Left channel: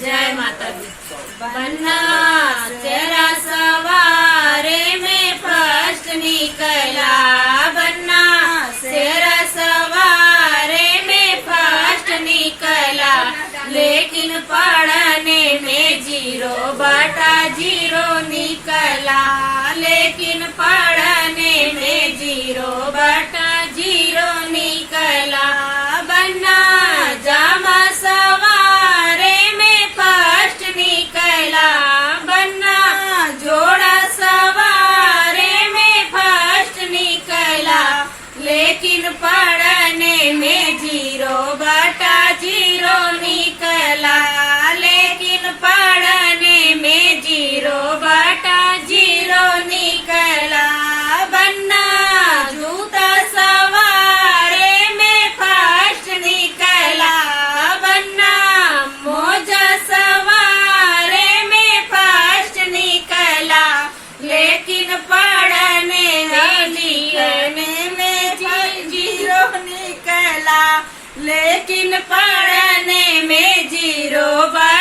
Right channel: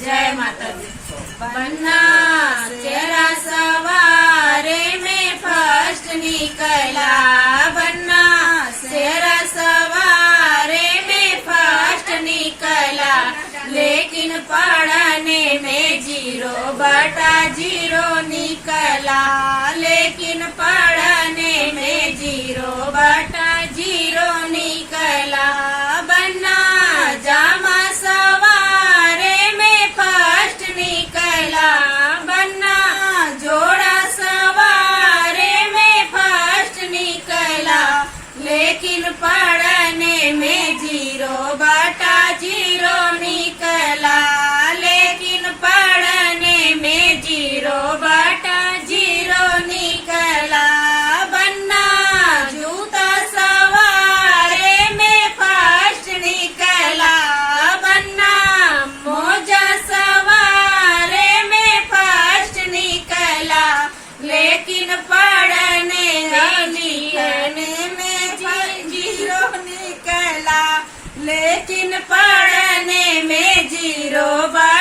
जय माता दी। बन्ना तेरा सवारे में फर्स्ट निकला, बन्ना तेरा सवारे में फर्स्ट निकला, लेकिन पढ़ने में 0/0 निकला, लेकिन पढ़ने में 0/0 निकला। बन्ना जामा सवारे में फर्स्ट निकला, बन्ना जोड़ा सवारे में फर्स्ट निकला, लेकिन पढ़ने में 0/0 निकला, लेकिन पढ़ने में 0/0 निकला। बन्ना जूता सवारे में फर्स्ट निकला, बन्ना मोजा सवारे में फर्स्ट निकला, लेकिन पढ़ने लिखने में 0 निकला, लेकिन पढ़ने में 0/0